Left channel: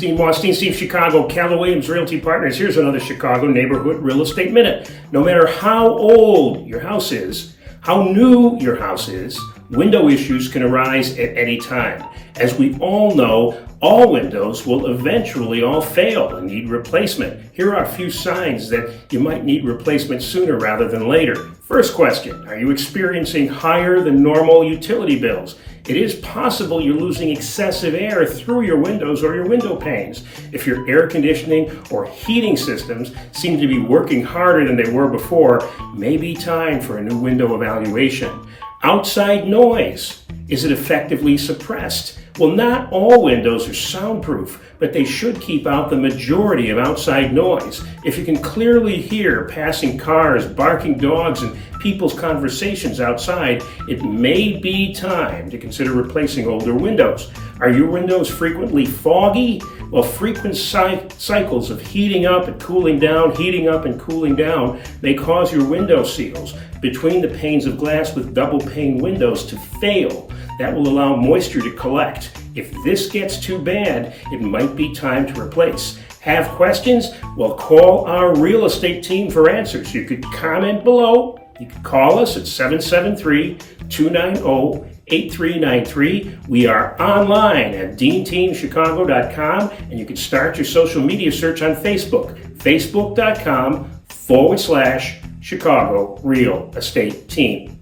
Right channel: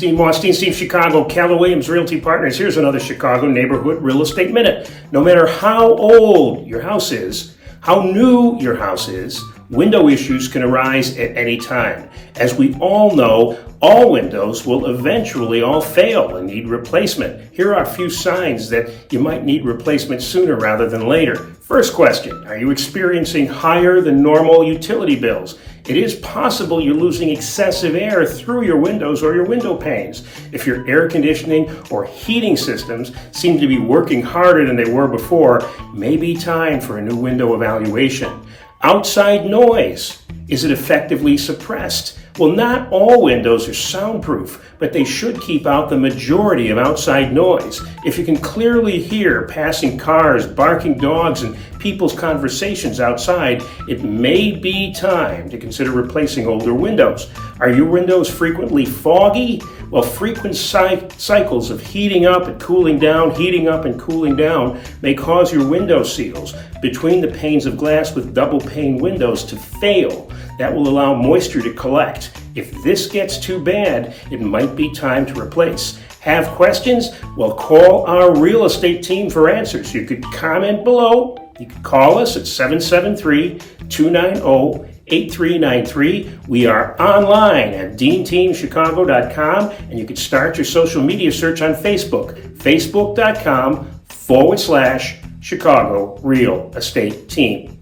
Steve Moss, Dean Steve Chicago, Keller Williams Realty Partners. Here's another Chicago Neighborhood Real Estate Minute. No matter how old your house is, how new your house is, window issues can arise at any time. As we all know, all windows will eventually all fail and need replacement. Here are a few signs that you might need replacement sooner rather than later. First question, are you experiencing higher than normal utility bills? It is possible you're losing excessive air through your windows or your window panes. If your air conditioning or heating systems seem to be working harder than they were before, may be time for a new window evaluation. Outside noise, is it effectively suppressed? Well, not all windows are soundproof, but they should keep out the majority of outside noise. If you can clearly hear passing cars, barking dogs, and people's conversations outside, it may be time to consider replacing older windows. Are your windows frequently foggy? Well, frequent cycles of heating up and cooling down, heating up and cooling down may cause your window seals between the panes of glass with double pane windows to fail. That will allow moisture to collect. If this gets too bad, it might be time to replace. Have questions? Well, call our real estate team for answers. You could comment below. You can call us at 773-290-8393. We are online at deanteamchicago.com, and you can start your social media search on Facebook, facebook.com/Chicago Real Estate Team.